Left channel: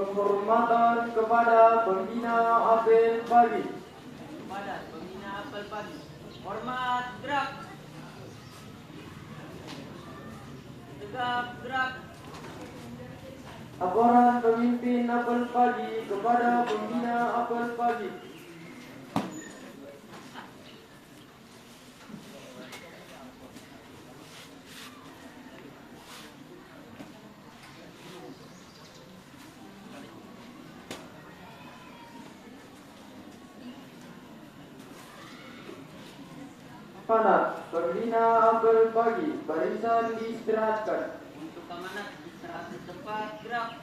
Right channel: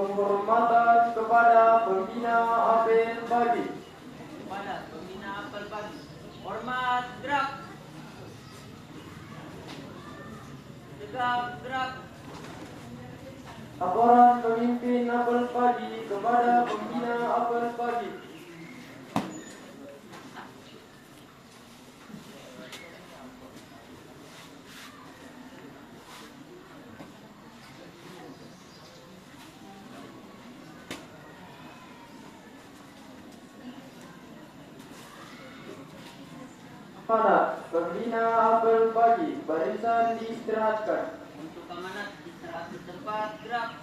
Penghormatan kepada pembina apel pagi. Kepada pembina apel pagi. Hormat gerak. Tegak gerak. Laporan pemimpin apel pagi kepada pembina apel pagi. Para pembina apel pagi, barisan diistirahatkan. Untuk amanat istirahat di tempat gerak.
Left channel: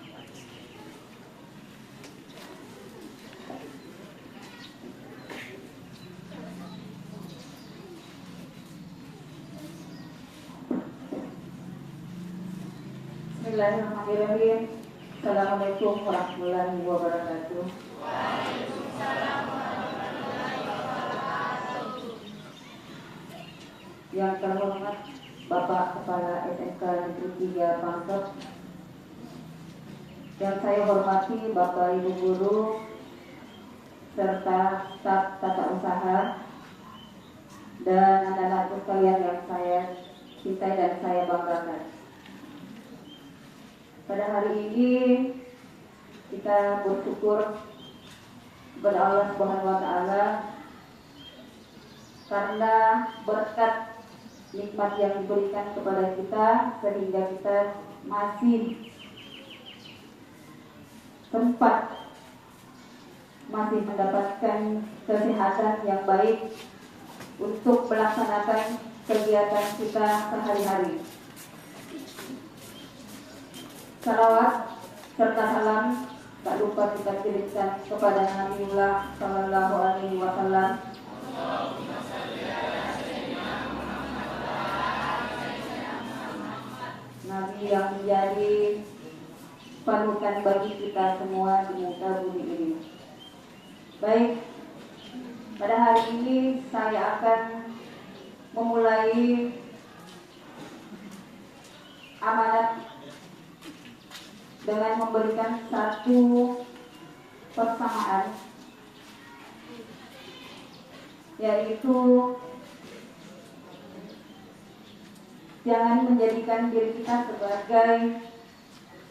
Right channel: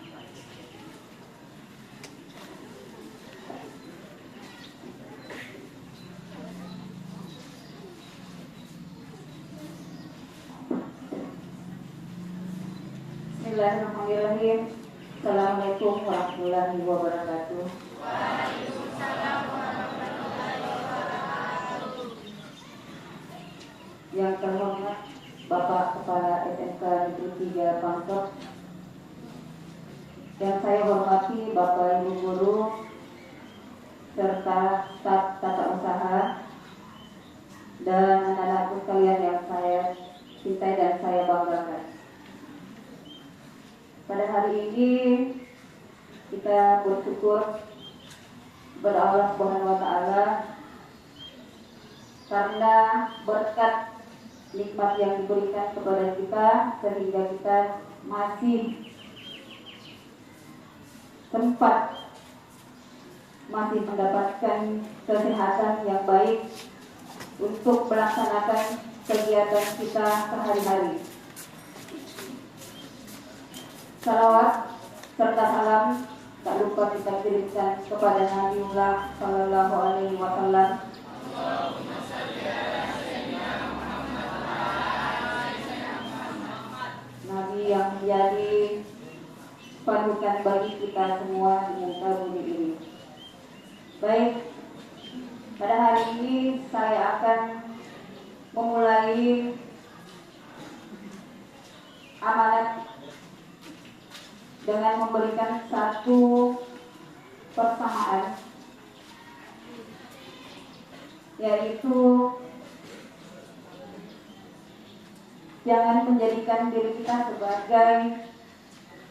Bismillahirrahmanirrahim. Assalamualaikum warahmatullahi wabarakatuh. Yang terhormat Bapak Kepala SMK Negeri 3 Pangkep, yang saya hormati Bapak Ibu Guru serta staf tata usaha dan anak-anakku sekalian yang saya cintai dan saya banggakan. Pada hari ini kita bersyukur kepada Allah Subhanahu wa Ta'ala karena berkat nikmat yang diberikan kepada kita sehingga kita masih sempat masih mendapatkan kesehatan yang baik untuk melaksanakan kegiatan kita sehari-hari. Salawat serta salam tak lupa kita kirimkan kepada Nabiullah Sallallahu Alaihi Wasallam. Nabi yang menjadi panutan bagi kita semua di muka bumi ini. Baik, pada hari ini saya akan memulai amanat dengan memberikan satu persamaan, yaitu jangan menjadikan diri kita sebagai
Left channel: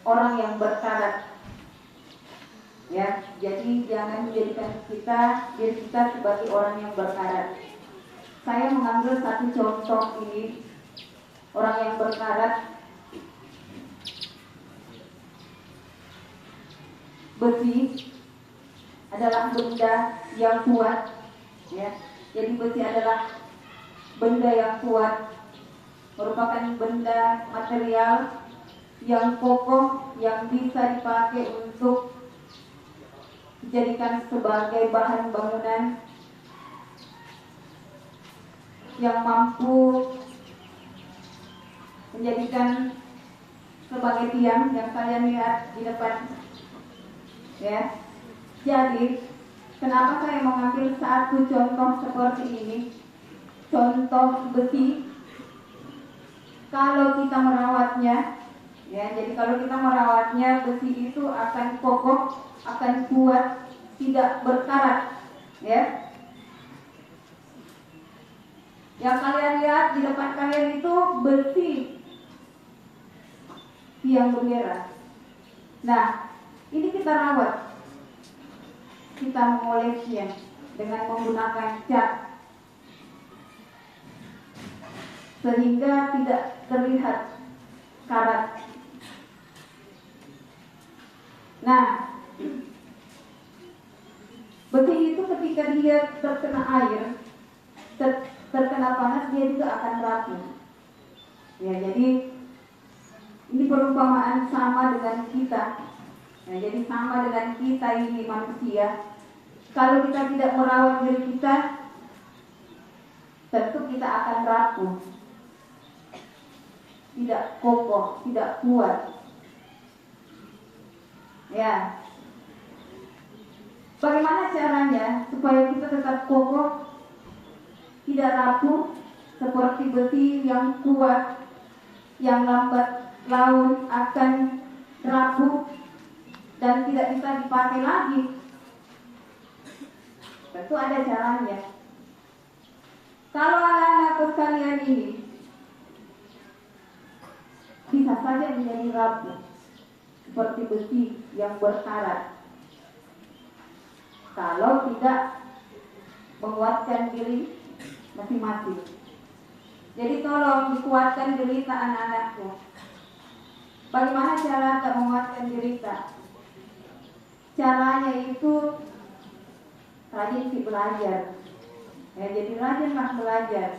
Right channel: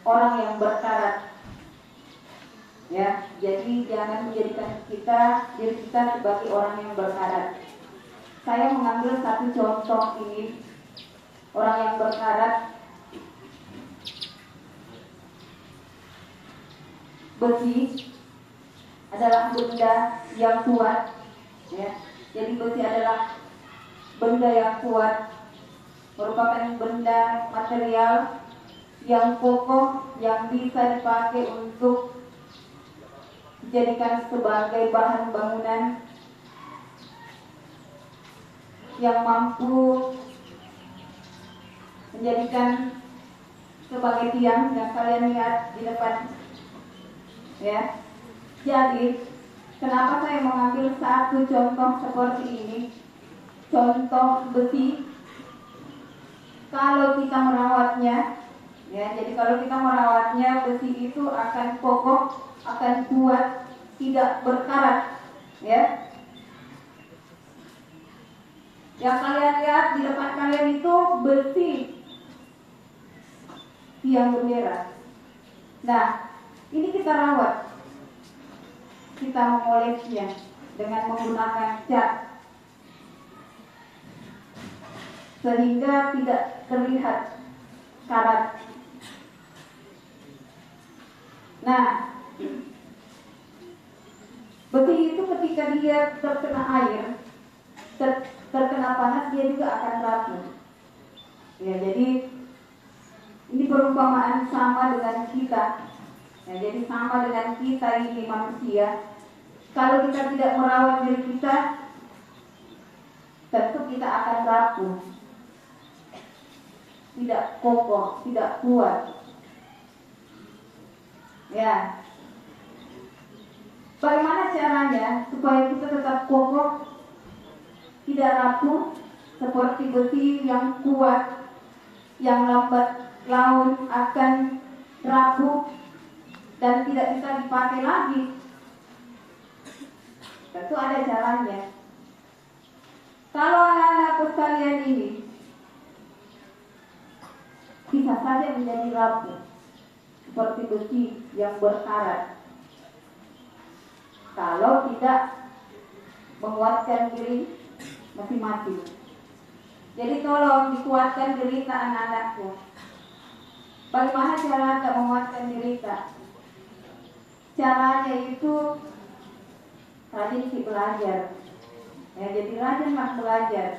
orang yang berkarat. Ya, jadi jangan menjadikan diri kita sebagai orang yang berkarat. Saya mengambil satu contoh ini, orang yang berkarat. Besi adalah benda yang kuat, ya. Jadi besi adalah benda yang kuat, merupakan benda material yang kokoh yang bisa dipakai untuk dijadikan sebagai bahan bangunan, yang mampu menjadikan sebagai tiang yang kalian lihat di depan. Ya, jadi kenapa saya mengambil satu contoh seperti ini, contoh besi? Kalau kita merawatnya, ya, jadi kalau kita merawatnya, besi itu akan kokoh, akan kuat, tidak berkarat, ya. Yang kalian lihat di depan kalian itu besi tiang bendera. Nah, ini kita rawat, kita mengolesnya dengan menggunakan cat sehingga tidak terlihat karat. Nah, besi itu ketika dia terkena air, terkena panas, dia juga akan rapuh. Ya, jadi ini perumpamaan sama dengan kita. Nah, jadi sama dengan kita ini manusia. Kalau kita tidak merawat diri kita, tentu kita akan rapuh, tidak kokoh, tidak kuat. Ya, bagaimana caranya supaya kita tetap kokoh, tidak rapuh, seperti besi yang kuat, yang lambat laun akan rapuh? dan tidak bisa dipakai lagi. Tentu ada caranya. Kalau anak-anakku sekalian ini bisa saja menjadi rapuh seperti besi yang berkarat kalau tidak menguatkan diri masing-masing. Jadi tolong dikuatkan diri anak-anakku. Bagaimana cara kita menguatkan diri kita? Caranya itu rajin belajar. Ya, jadi rajinlah belajar.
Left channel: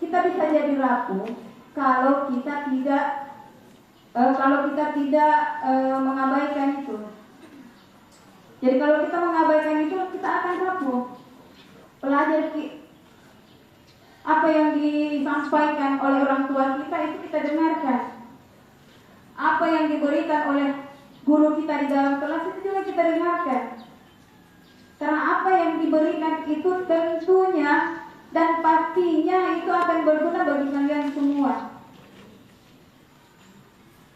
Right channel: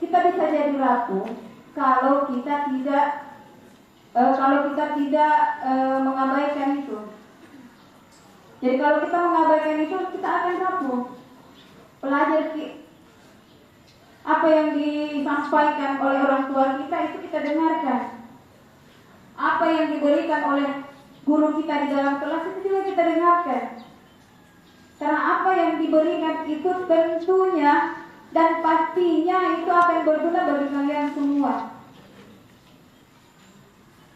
Kita bisa jadi rapuh kalau kita tidak mengabaikan itu. Jadi kalau kita mengabaikan itu, kita akan rapuh. Belajar apa yang disampaikan oleh orang tua kita itu kita dengarkan. Apa yang diberikan oleh guru kita di dalam kelas itu juga kita dengarkan. Karena apa yang diberikan itu tentunya dan pastinya itu akan berguna bagi kalian semua.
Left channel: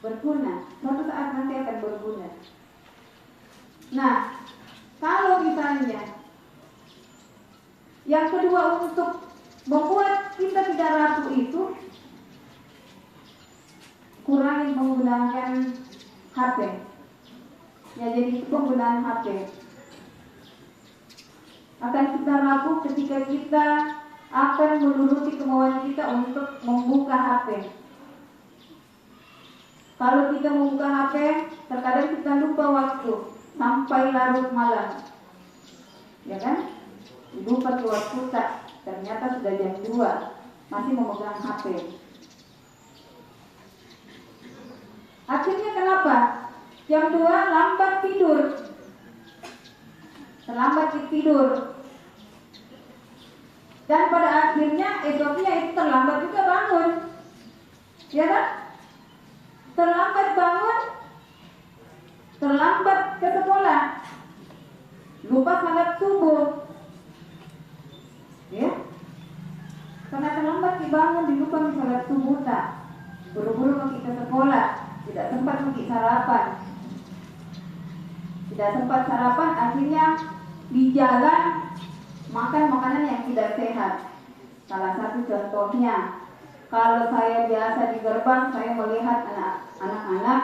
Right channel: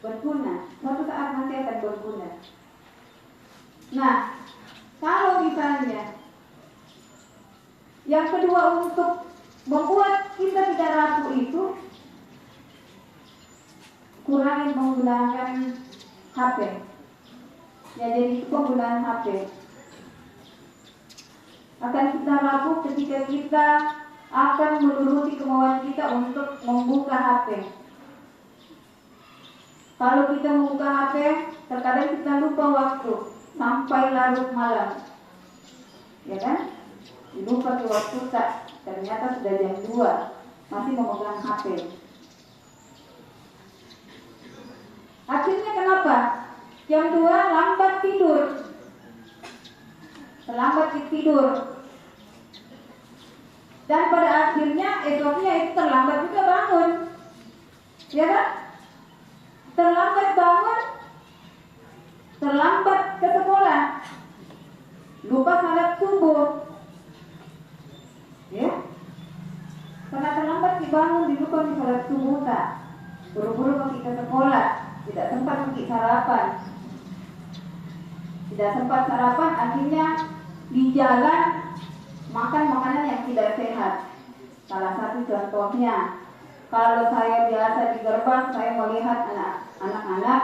Berguna, suatu saat nanti akan berguna. Nah, kalau misalnya yang kedua untuk membuat kita tidak rapuh itu, kurangi menggunakan HP. Ya, jadi penggunaan HP akan kita rapuh ketika kita akan menuruti kemauan kita untuk membuka HP. Kalau kita membuka HP, terkadang kita lupa waktu sampai larut malam, ya kan? Lupa waktu tak, ternyata sudah jam 2 masih memegang HP. Akhirnya kenapa? Jam 2 lambat tidur, terlambat tidur, dan pada akhirnya esoknya itu terlambat juga bangun, ya kan? Terlambat bangun, terlambat ke sekolah, lupa salat subuh, ya, karena terlambat dibangun, dilupa salat subuh tak, buru-buru pergi ke sekolah, tidak sempat pergi sarapan, akhirnya di jalan makan makanan yang tidak sehat. Salah satu contohnya, kalau saya biasa di gerbang, saya melihat anak-anak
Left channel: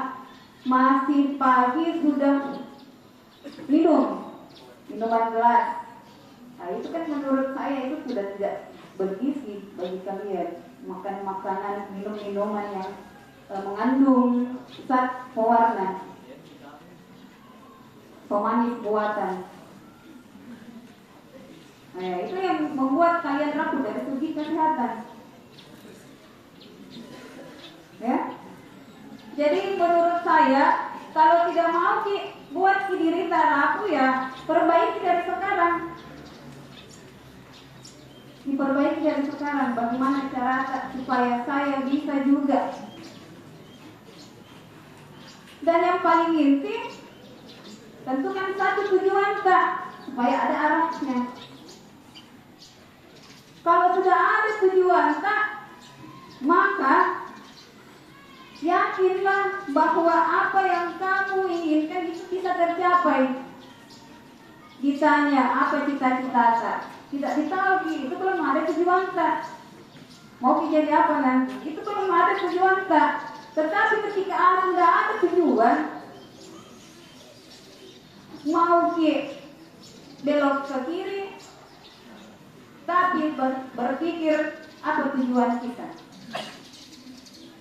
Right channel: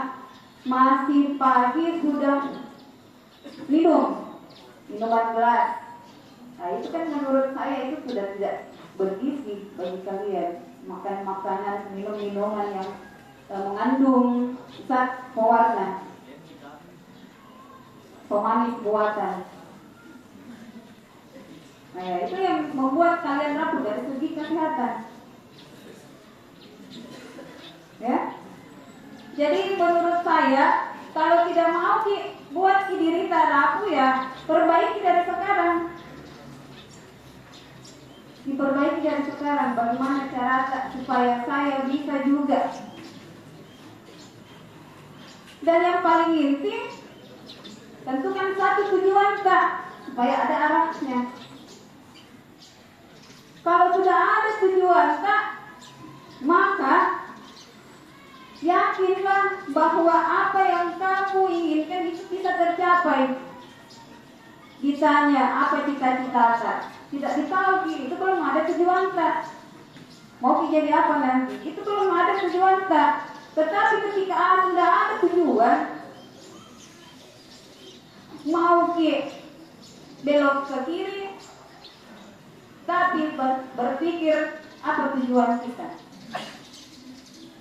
masih pagi sudah minuman gelas. Nah, itu kan menurut saya itu sudah tidak bergizi bagi kalian. Makan makanan, minum minuman yang mengandung zat pewarna, pemanis buatan. Nah, itu yang membuat kalian rapuh dari segi kesehatan. Ya. Jadi menurut saya, kalau tidak mau buat diri kita rapuh, ya perbaiki dari sekarang. Diperbaiki dari sekarang. Bagaimana cara supaya saya bisa juga. Dan yang paling inti, tentukan satu tujuan Kak, supaya ada arahnya. Kalau sudah ada tujuan Kak, maka yakinlah bahwa apa yang kamu inginkan itu bisa tercapai. Ditanya apa cita-cita Kak, tidak ditahu, itu belum ada tujuan Kak. Mau jadi apa nanti, itu belum ada tujuan Kak. Tetapi ketika sudah ada tujuan, mau belok ke kiri, tapi berpikir apa tujuan kita.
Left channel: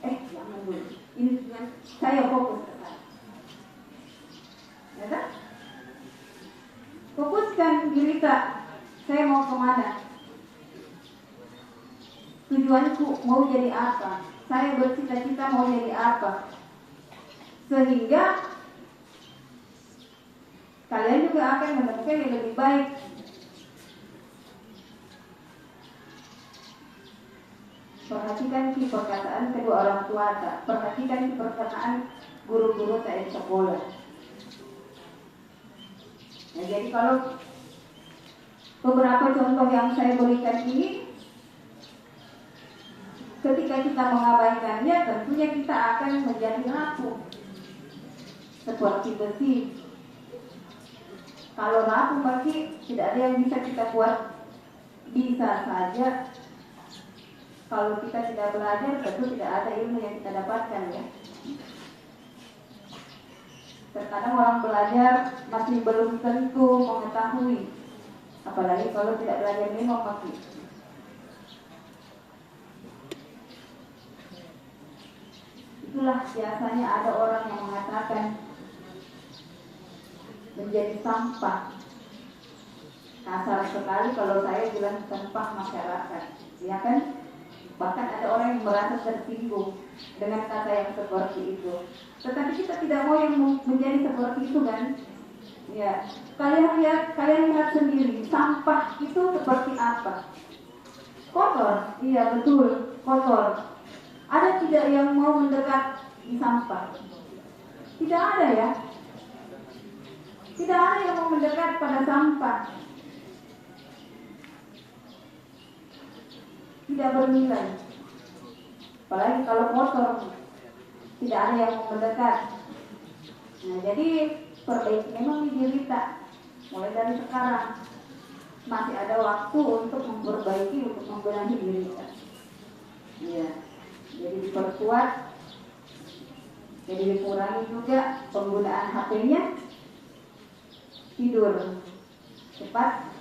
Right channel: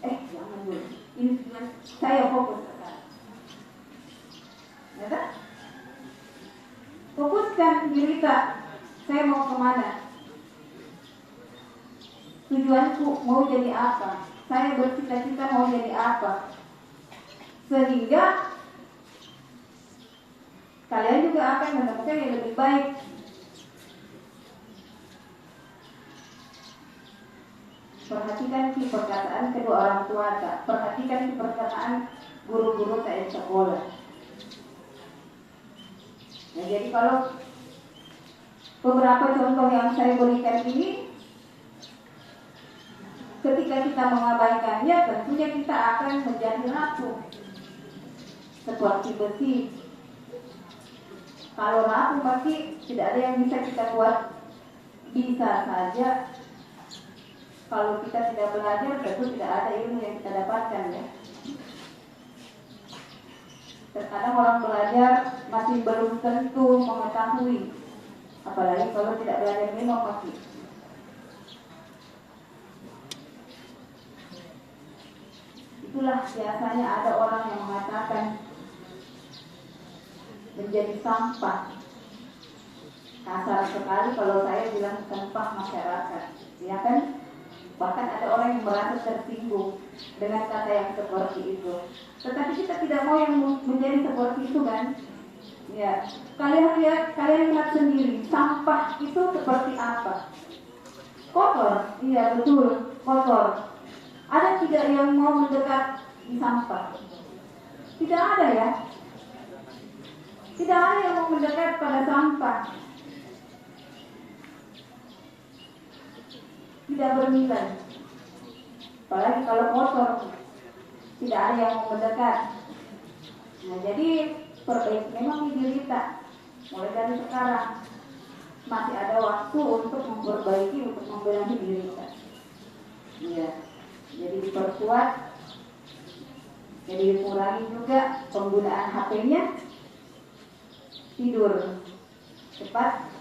Jangan dulu, ini tujuan saya fokus ke sana. Ya kan? Fokuskan diri Kak, saya mau kemana? Tujuanku mau jadi apa? Saya bercita-cita mau jadi apa? Sehingga kalian juga akan menemukan yang lebih baik. Perhatikan perkataan kedua orang tua Kak. Perhatikan perkataan guru-guru saya di sekolah. Nah, jadi kalau beberapa contoh yang saya berikan ini, ketika kita mengabaikannya, tentunya kita akan menjadi rapuh. seperti besi. Kalau rapuh pasti tidak ada yang bisa kita buat. Bisa saja kalau kita tidak belajar tentu tidak ada ilmu yang kita dapatkan ya. Terkadang orang belajar masih belum tentu mengetahui, apalagi kalau tidak belajar ilmu pasti. Itulah biasanya ada orang yang mengatakan menjadi sampah. Kasar sekali kalau saya bilang sampah masyarakat, ya kan? Bahkan ada orang yang merasa tersinggung dengan kata yang seperti itu. Tetapi kita tidak mau yang menjadi seperti itu kan? Ya, kalian lihat sendiri, sampah itu seperti apa? Kotor, iya betul, kotor. Ada tidak yang mau mendekat di sampah? Tidak ada ya. Tidak ada yang mau mendekat pada sampah. Tidak bernilai. Apalagi kalau kotor, tidak ada yang mau mendekat. Nah, jadi perbaiki memang video kita. Mulai dari sekarang masih ada waktu untuk memperbaiki, untuk membenahi diri kita. Iya. Jadi diperkuat, jadi dikurangi juga penggunaan HP-nya, tidur cepat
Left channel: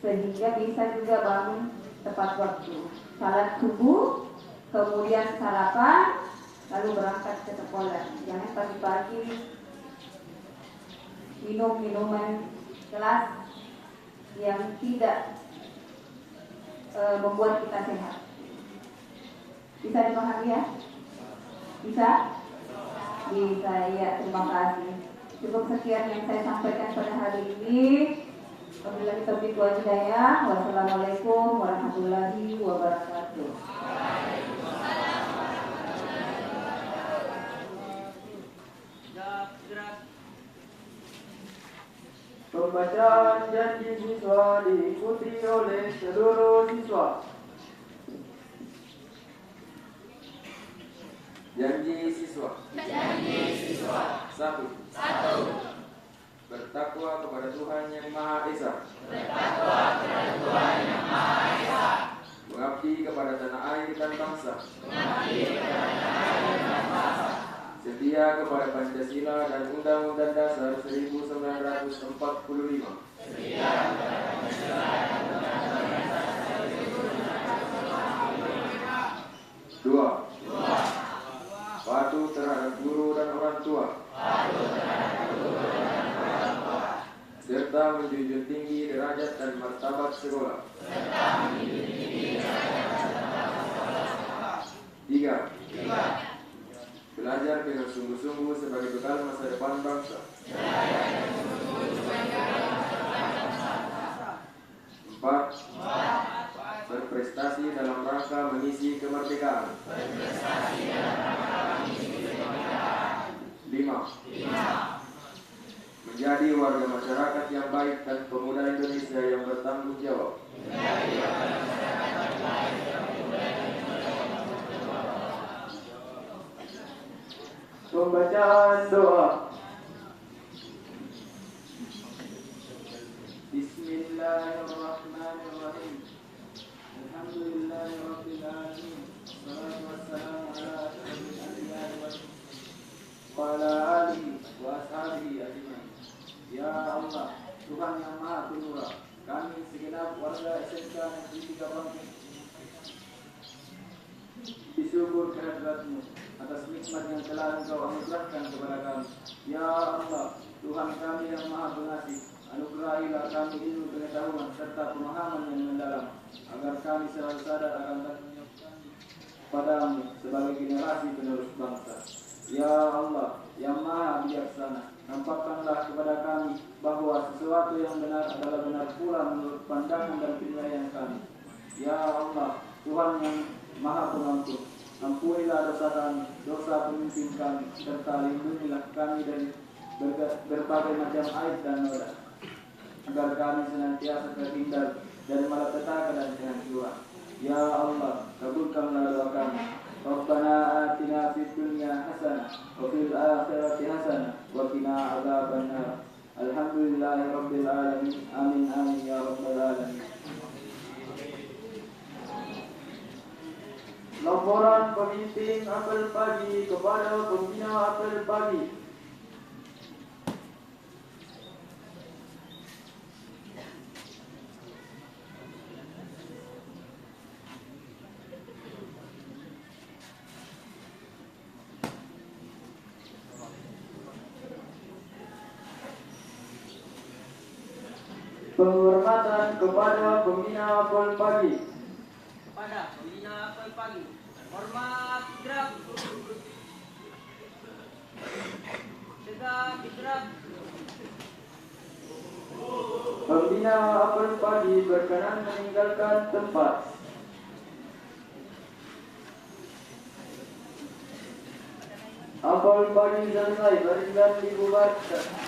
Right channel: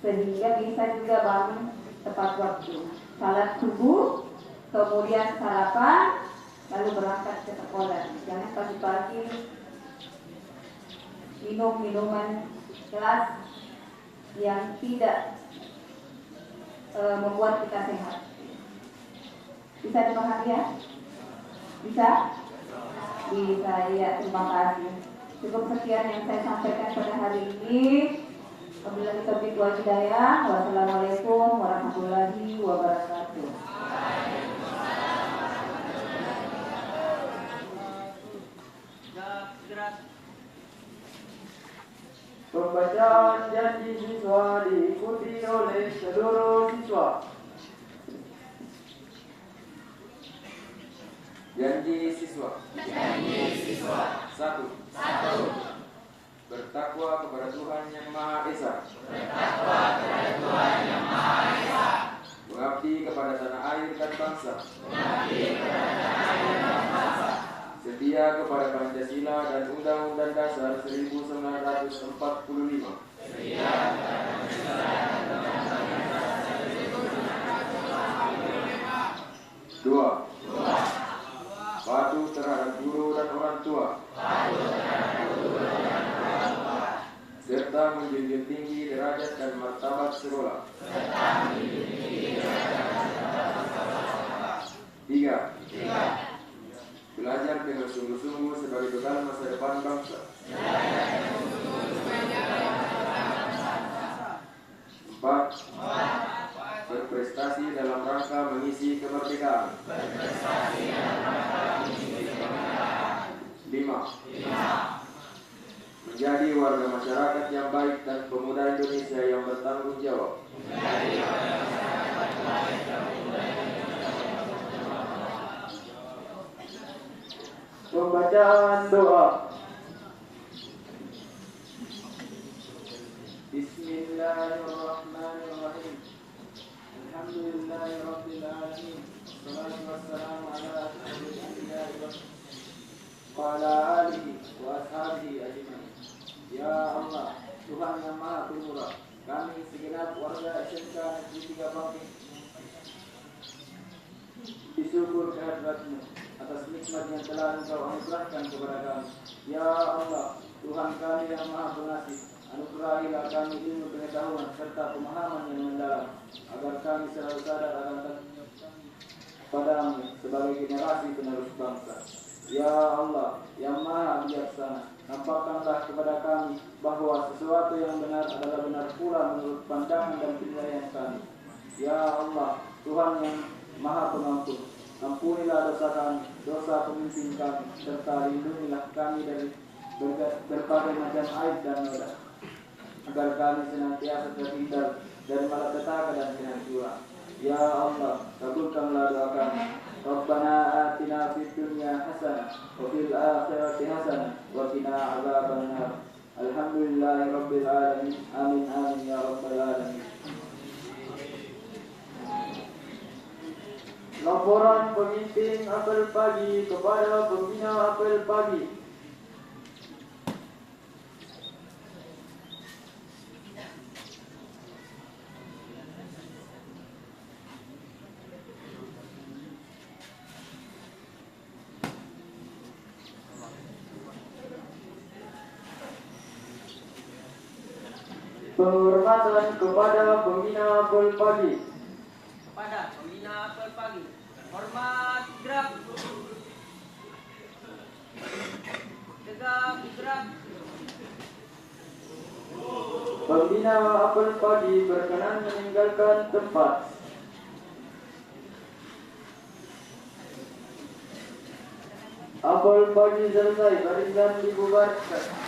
sehingga bisa juga bangun tepat waktu. Salat subuh, kemudian sarapan, lalu berangkat ke sekolah. Jangan pagi-pagi minum minuman keras yang tidak membuat kita sehat. Bisa dipahami ya? Bisa? Bisa, ya, terima kasih. Cukup sekian yang saya sampaikan pada hari ini. Wabillahi taufiq wal hidayah. Wassalamualaikum warahmatullahi wabarakatuh. Pembacaan janji siswa diikuti oleh seluruh siswa. Janji siswa. Satu. Bertakwa kepada Tuhan Yang Maha Esa. Mengabdi kepada tanah air dan bangsa. Setia kepada Pancasila dan Undang-Undang Dasar 1945. Dua. Patuh terhadap guru dan orang tua. Serta menjunjung tinggi derajat dan martabat sekolah. Tiga. Belajar dengan sungguh-sungguh sebagai bekal masa depan bangsa. Empat. Berprestasi dalam rangka mengisi kemerdekaan. 5. Menjadi warga masyarakat yang baik dan pemuda Indonesia yang bertanggung jawab. Pembacaan doa. Bismillahirrahmanirrahim. Alhamdulillahirabbil alamin. Wassalatu wassalamu ala asyrafil anbiya'i wa ala alihi wa ashabihi ajmain. Ya Allah, Tuhan yang Maha Pemurah, kami segenap warga SMK Negeri 3 Bangkeng bersyukur kehadirat-Mu atas nikmat yang telah Engkau anugerahkan kepada kami. Ya Allah, Tuhan kami yang Maha Pengasih, anugerahilah kami ilmu pengetahuan serta pemahaman yang mendalam, agar kami selalu sadar akan tanggung kami padamu sebagai generasi penerus bangsa. Ya Allah, yang Maha Bijaksana, nampakkanlah kepada kami bahwa sesuatu yang benar adalah benar pula menurut pandangan dan penilaian kami. Ya Allah, Tuhan yang Maha Pengampun, ampunilah dosa kami, dosa pemimpin kami, serta lindungilah kami dari berbagai macam aib dan noda, agar kami senantiasa terhindar dari malapetaka dan kehancuran. Ya Allah, kabulkanlah doa kami. Rabbana atina fid dunya hasanah wa fil akhirati hasanah wa qina adzabannar. Alhamdulillahirabbil alamin. Amin amin ya rabbal alamin. Laporan pemimpin apel pagi kepada pembina apel pagi. Penghormatan kepada pembina apel pagi. Kepada pembina apel pagi. Hormat gerak. Tegak gerak. Pembina apel pagi berkenan meninggalkan tempat. Apel pagi selesai, baringan dibubarkan.